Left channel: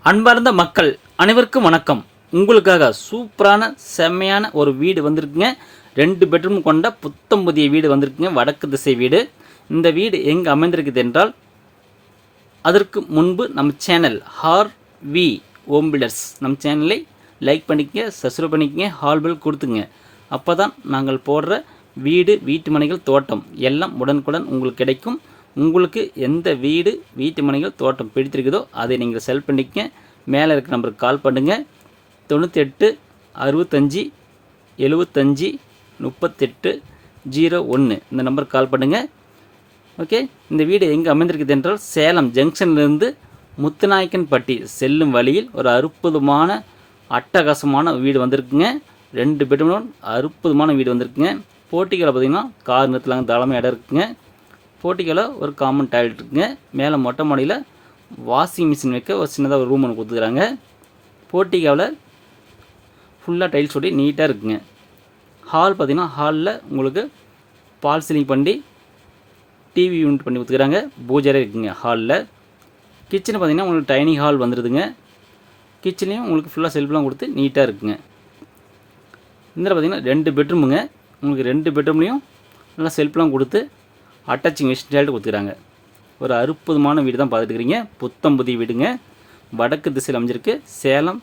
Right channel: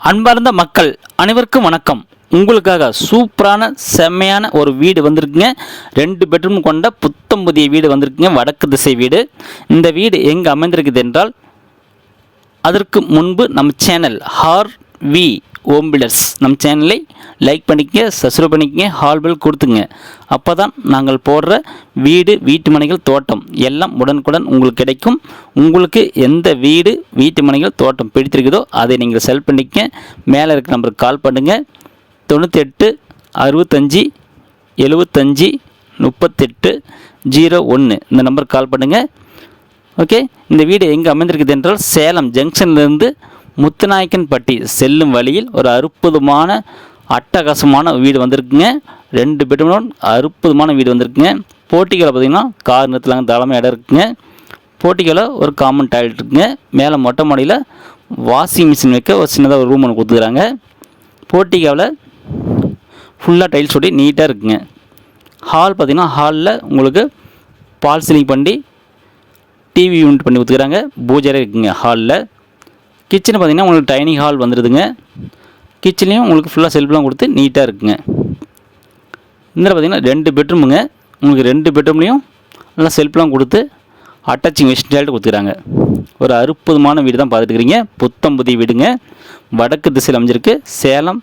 அன்பார்ந்த மக்கள் அனைவருக்கும் வணக்கம். உங்களுக்காக சூப்பரான செம்மையான ஒரு வீடு வந்திருக்குங்க. 2 பெட்ரூம் கொண்ட புத்தம் புதிய வீடு வந்திருக்குங்க. வடக்கு திசை வீடு. இந்த வீடு எங்கே அமைந்திருக்குது என்றால், அதற்கு முன்பு நம்ம சேனல் ஹார்வி ஹோம் பில்டர்ஸ் நம்ம சேனலை லைக் பண்ணிக்கங்க, சப்ஸ்கிரைப் பண்ணிக்கங்க, ஹால் பில் கொடுத்துங்க. அப்போ தான் நாங்கள் போடுற வீடு, வீட்டு மனைகள், தோட்டம் எல்லாம் உடனுக்குடன் உங்களுக்கு கிடைக்கும். உங்களுக்கு எந்த வீடு, வீட்டு மனைகள், தோட்டம் பிடித்திருக்குதோ அதை நீங்கள் செல் பண்ணிக்க. மேலே இருக்க நம்பருக்கு கால் பண்ணுங்கள். 98 65 75 38 01 இந்த நம்பருக்கு கால் பண்ணுங்கள். ஓகே, இந்த வீடு எங்கே அமைந்திருக்குது என்றால், சேலம் ஜங்ஷன்லேருந்து முத்துநாயக்கன்பட்டி செல்லும் வழியில் ஒரு அற்புதமான அட்டகாசமான வீடு வந்திருக்குங்க. 2 பெட்ரூம் அற்புதமான வீடு வந்திருக்குங்க. போட்டிகளை பார்த்திங்கன்னா கார் நிறுத்தலாங்க, தாராளமாக இடம் இருக்குங்க. போட்டிகளை ஒரு காமன் டாய்லெட் இருக்குங்க. மேலே மொட்டை மாடியில் வாஷிங் மிஷின் வைக்க ஒரு சின்னதாக ஒரு ரூம் ஒன்று கொடுத்துக்கிறாங்க. போட்டிக்காவில் ஃபுல்லாக டைல்ஸ் ஒட்டி நீட்டாக இருக்குங்க. ஹால் பார்த்திங்கன்னா, ஹாலில் உங்களுக்கு பால் சீலிங் பண்ணி டிவி யூனிட் பண்ணி கொடுத்துக்கிறாங்க. பூஜரை இருக்குங்க ஹாலில். கிச்சன் பார்த்திங்கன்னா உங்களுக்கு டைனிங் ஹால் வந்துடுதுங்க. கிச்சன்லேயும் உங்களுக்கு ஃபுல்லாக செல்ஃப்லாம் கொடுத்து நீட்டாக இருக்குங்க. இந்த பார்த்திங்கன்னா 2 பெட்ரூமுங்க. உங்களுக்கு 2 பெட்ரூம்லேயும் நல்லா செல்ஃப்லாம் கொடுத்து அட்டாச்சிங் வெஸ்ட் டாய்லெட் கொடுத்துக்கிறாங்க. ஒரு அற்புதமான வீடு தான் பார்த்துட்டு இருக்கிறீங்க. புத்தம் புதிய வீடுங்க. வடக்கு திசையில் அமைஞ்சிருக்கு. சேலம்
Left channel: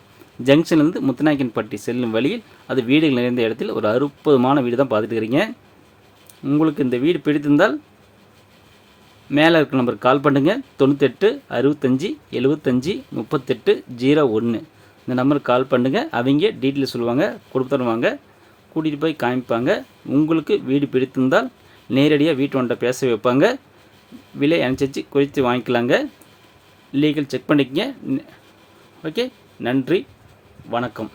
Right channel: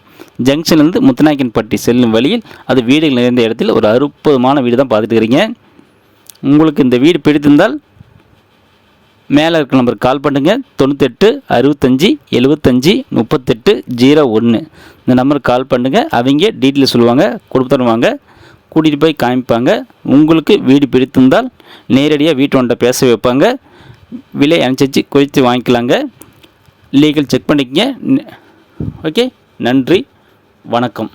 ஜங்ஷன்லேருந்து முத்துநாயக்கன்பட்டி செல்லும் வழியில் அது வீடுகள் நிறைந்த இடத்தில் ஒரு அற்புதமான வீடு தான் பார்த்துட்டு இருக்கிறீங்க. உங்களுக்கு இந்த வீடு பிடித்திருந்தால் மேலே இருக்க நம்பருக்கு கால் பண்ணுங்கள். 98 65 75 38 01 இந்த நம்பருக்கு கால் பண்ணுங்கள். அவங்க டீட்டெயில் சொல்லுவாங்க, கொடுத்துருவாங்க, கூட்டிகிட்டு போய் காமிப்பாங்க. உங்களுக்கு வீடு பிடித்திருந்தால் நேரடியாக வீட்டு ஒன்றை பேச வைப்பாங்க. விலை அனுசரித்து குறித்து வாங்கிக்கலாங்க. லீகல் செக் பண்ணிக்கங்க. ஓகே, நன்றி, வணக்கம்.